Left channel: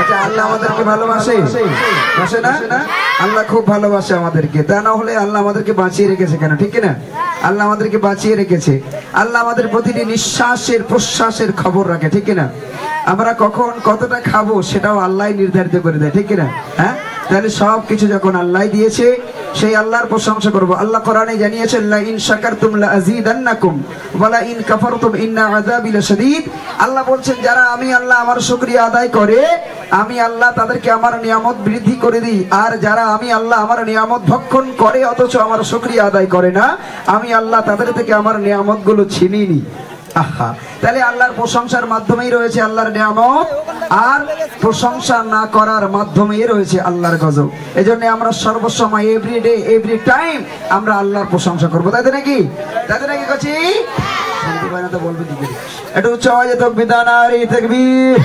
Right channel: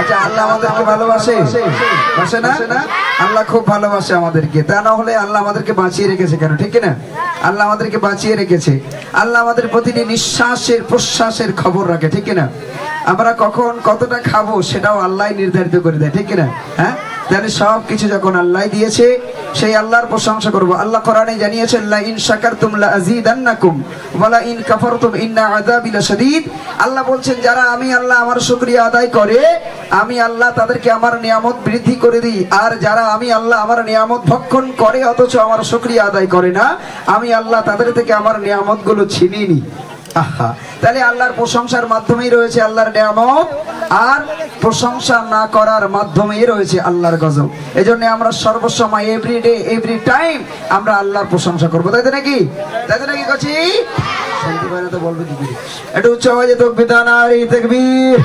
আচ্ছা, আল্লাহ আমাদেরকে ভালোবাসে, বাসে না? আল্লাহ খুব ভালোবাসে আমাদেরকে, তা না হলে আল্লাহ আমাদেরকে বাঁচিয়ে রেখেছে কেন? ঠিক না? আল্লাহ আমাদেরকে বাঁচিয়ে রেখেছে। আল্লাহ আমাদের প্রতিটি নিঃশ্বাসের প্রশ্বাসের খবর রাখে, ঠিক না? আমরা কখন কতটা খাবো সেটাও আল্লাহ নির্ধারিত করে দেয়, ঠিক না? হ্যাঁ, তাহলে সবকিছু যখন আল্লাহ দিয়েছে সেই আল্লাহর প্রশংসা করব। আল্লাহ কোরআনে জানিয়েছেন, লা ইন শাকারতুম লা আযীদান্নাকুম ওয়া লা ইন কাফারতুম ইন্না আযাবি লাশাদীদ। আল্লাহ বলছেন, যারা আমি আল্লাহ আমার শুকরিয়া আদায় করে, আমি আল্লাহ তাদেরকে আমার নিয়ামত বৃদ্ধি করে দিই। আর যারা আমি আল্লাহ আমার নিয়ামত ভক্ষণ করে অথচ আমার শুকরিয়া আদায় করে না, আমি আল্লাহ তাদের থেকে আমার নিয়ামত গুলো ছিনিয়ে নিই। তাহলে আল্লাহর প্রশংসার মাধ্যমেই রয়েছে আল্লাহর নিয়ামত, আর প্রশংসা না করার মাধ্যমেই রয়েছে আল্লাহর গজব। এজন্য আমরা সর্বসময় এভরিডে এভরি টাইম আমরা আল্লাহর প্রশংসা করবো, তাই তো নাকি? তাই তো নাকি? কাছি বলবে দিদি একটু উচ্চ আওয়াজে তাকবীর দাও, নারে তাকবীর।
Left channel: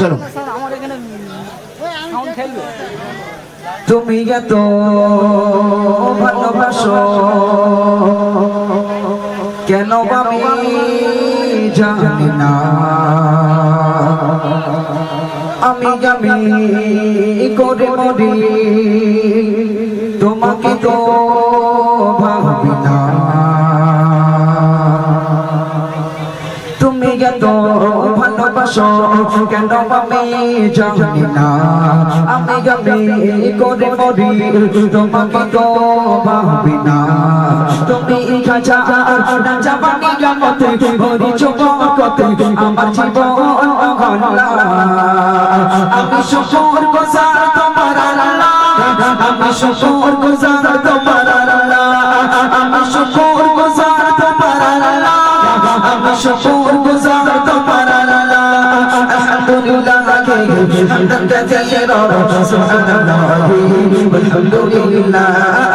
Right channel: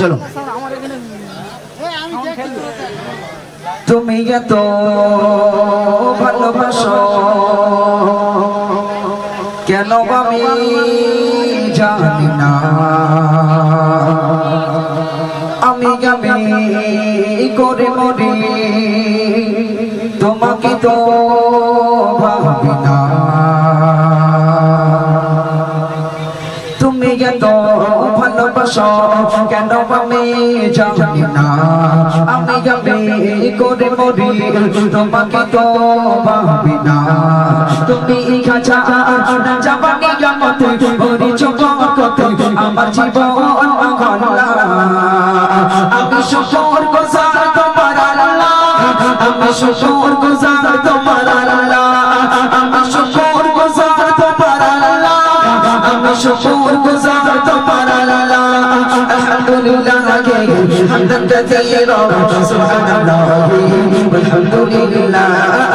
চলো, তুমি এত ভালোবাসো কেন আমি জানি না, আমি গাবি করে মরি তোমাকে তো ভাবি না। তুমি এত ভালোবাসো কেন আমি জানি না, আমি গাবি করে মরি তোমাকে তো ভাবি না। তুমি খাজা জামানি জামতে ভরি চোখতে আমার জীবন অগলা, আমি শুকর গুজার তোমার আল্লাহ, আমি শুকর গুজার তোমার আল্লাহ, আমি শুকর গুজার তোমার আল্লাহ, আমি শুকর গুজার তোমার আল্লাহ। আলহামদুলিল্লাহ হামদান কাসীরা সুবহানাল্লাহ ওয়ালহামদুলিল্লাহ,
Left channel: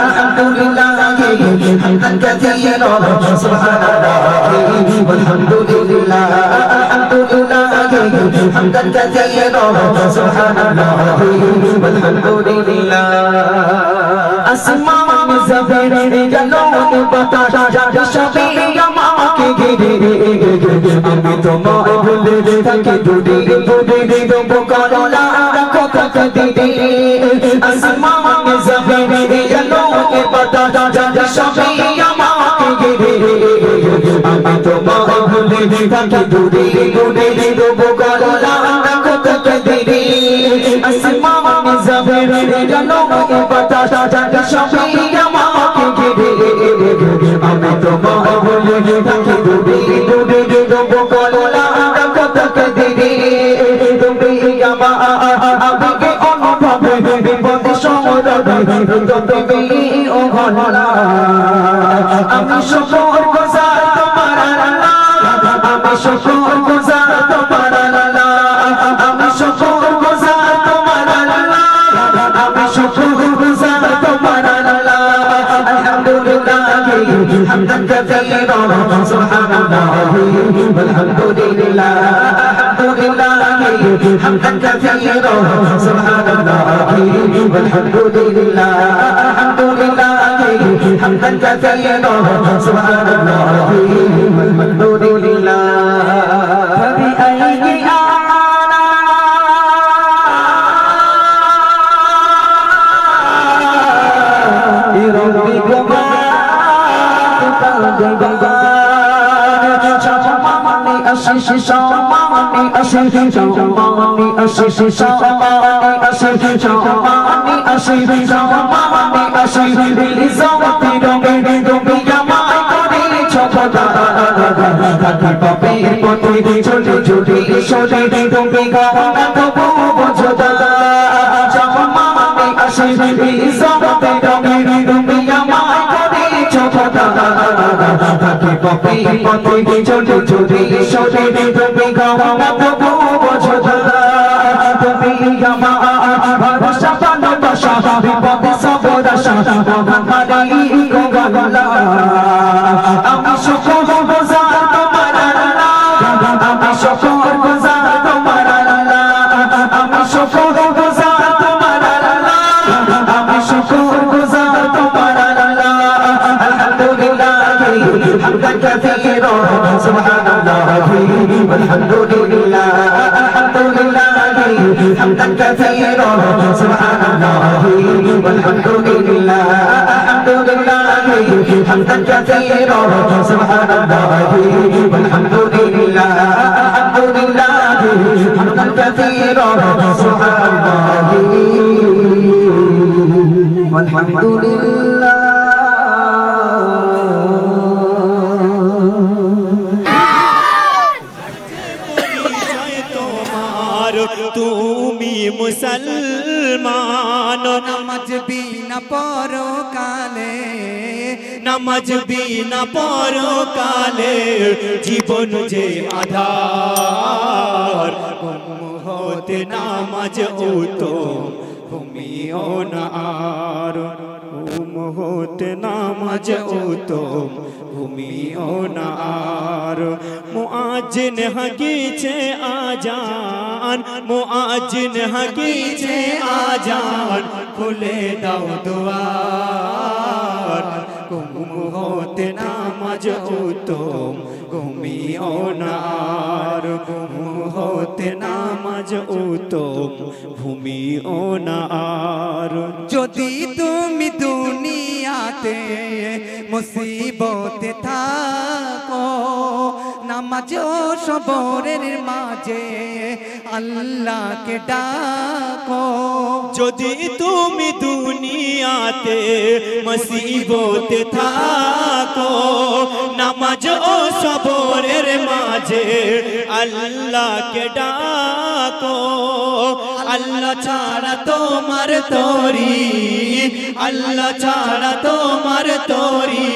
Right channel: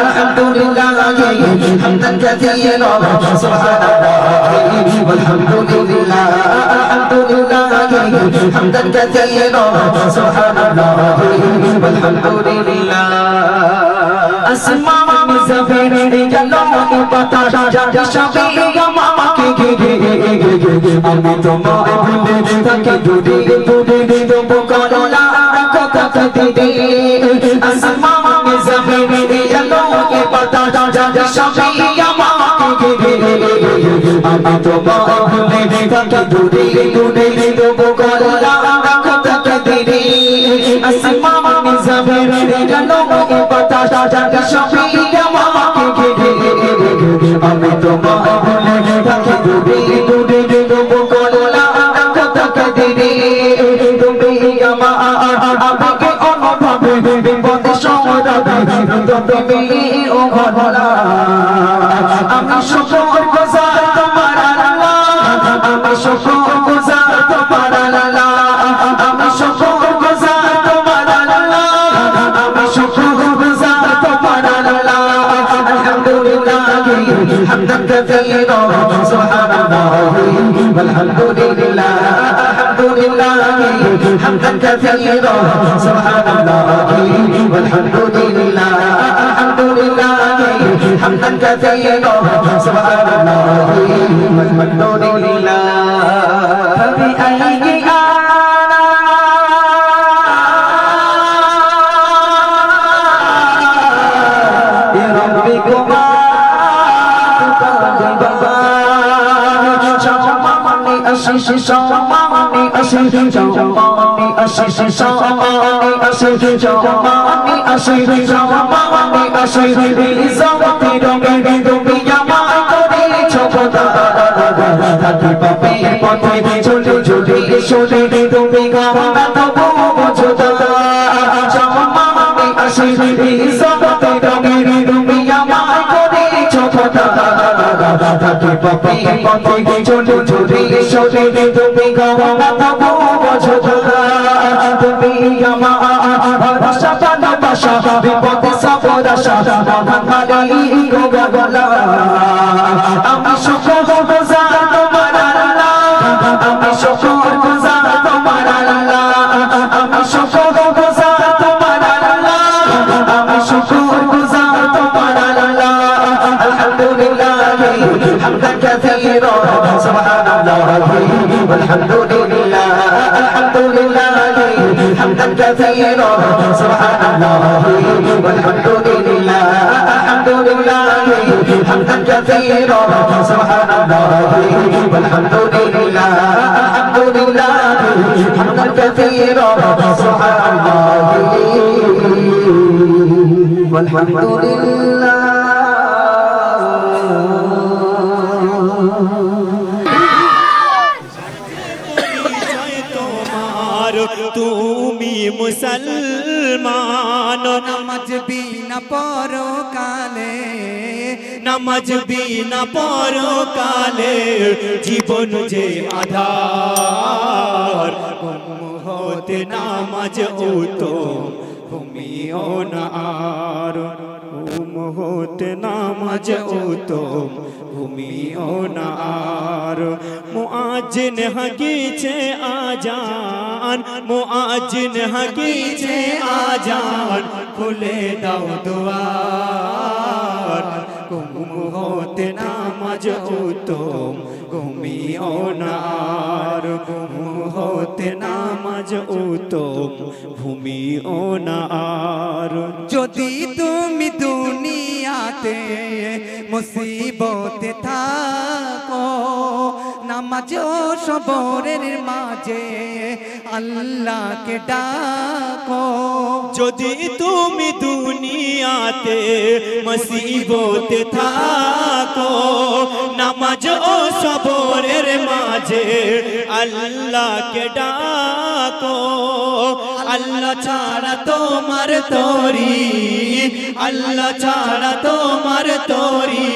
আলহামদুলিল্লাহ হামদান কাসীরা সুবহানাল্লাহ ওয়ালহামদুলিল্লাহ, আলহামদুলিল্লাহ হামদান কাসীরা সুবহানাল্লাহ ওয়ালহামদুলিল্লাহ। আসমান জমিন জলন বাতাস সবই আমাকে ঘিরে, আমি তোমায় ভুলে থাকি দূরে দূরে, দেব করলা রাখো তাকদীরে। আসমান জমিন জলন বাতাস সবই আমাকে ঘিরে, আমি তোমায় ভুলে থাকি দূরে দূরে, দেব করলা রাখো তাকদীরে। আসমান জমিন জলন বাতাস সবই আমাকে ঘিরে, আমি তোমায় ভুলে থাকি দূরে দূরে, দেব করলা রাখো তাকদীরে। তুমি আমাকে অনুভবে বিপদে সমরবে, তুমি ও ভোলা, আমি শুকর গুজার তোমার আল্লাহ, আমি শুকর গুজার তোমার আল্লাহ, আমি শুকর গুজার তোমার আল্লাহ, আমি শুকর গুজার তোমার আল্লাহ। আলহামদুলিল্লাহ হামদান কাসীরা সুবহানাল্লাহ ওয়ালহামদুলিল্লাহ, আলহামদুলিল্লাহ حمدا كثيرا سبحان الله والحمد لله الحمد لله حمدا كثيرا سبحان الله والحمد لله فبأي ربكما كثيرا سبحان الله والحمد لله الحمد لله حمدا كثيرا سبحان الله والحمد لله الحمد لله حمدا كثيرا سبحان الله والحمد لله الحمد لله حمدا كثيرا سبحان الله والحمد لله তুমি মুসলমান নামাজ বিনা পরকালে নামাজ বিনা পরকালে জীবন যে আধার হতে নামাজ উত্তম তুমিও না আর হতে নামাজ উত্তম তুমিও না আর মুআজ্জিন হাকিছে আজান মুআজ্জিন হাকিছে আজান খুলে দাও দুয়ার হতে নামাজ উত্তম ঘুমিও না আর হতে নামাজ উত্তম ঘুমিও না আর যদি তুমি দুনিয়াতে মুসিবতে থাকো নামাজ ও সবরের মাঝে আল্লাহকে ডাকো যদি তুমি দুনিয়াতে মুসিবতে থাকো নামাজ ও সবরের মাঝে আল্লাহকে ডাকো আল্লাহ ছাড়া তোমার তরি আল্লাহ ছাড়া তোমার তরি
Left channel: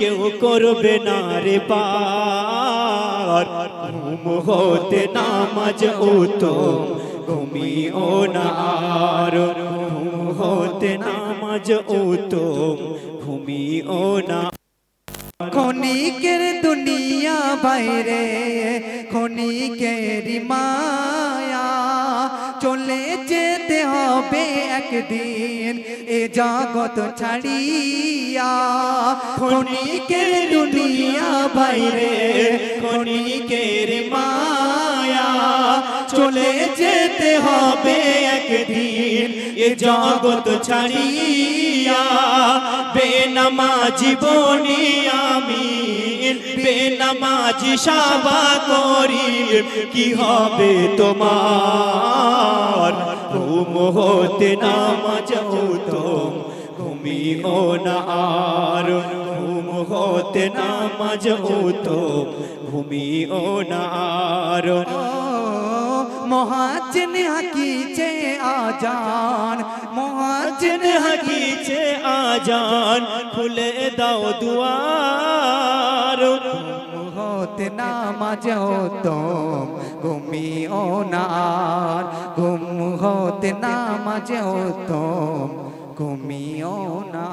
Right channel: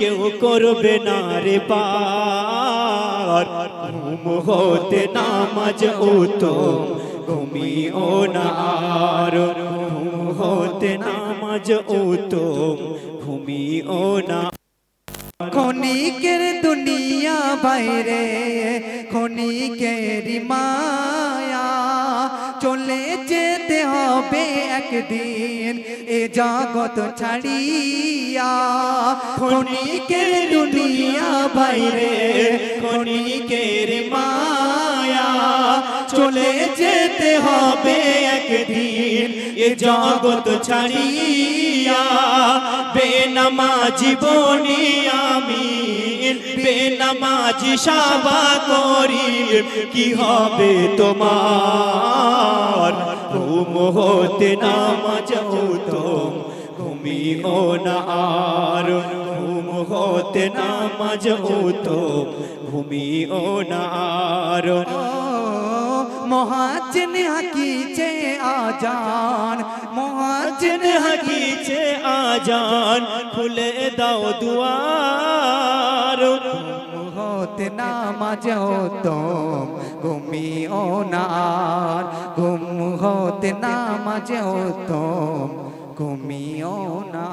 কেউ করবে না রে পার ঘুম হতে নামাজ উত্তম ঘুমিও না আর ঘুম হতে নামাজ উত্তম ঘুমিও না ক্ষণিকের দুনিয়া বাইরে ক্ষণিকের মায়া চলে যেতে হবে একদিন এ জগৎ ছাড়িয়া ক্ষণিকের দুনিয়া বাইরে ক্ষণিকের মায়া চলে যেতে হবে একদিন এ জগৎ ছাড়িয়া বেনামাজি বনি আমি বেনামাজি সাবা করি কি হবে তোমার ঘুম হতে নামাজ উত্তম ঘুমিও না আর ঘুম হতে নামাজ উত্তম ঘুমিও না আর মুআজ্জিন হাকিছে আজান মুআজ্জিন হাকিছে আজান খুলে দাও দুয়ার হতে নামাজ উত্তম ঘুমিও না আর ঘুম হতে নামাজ উত্তম ঘুমিও না।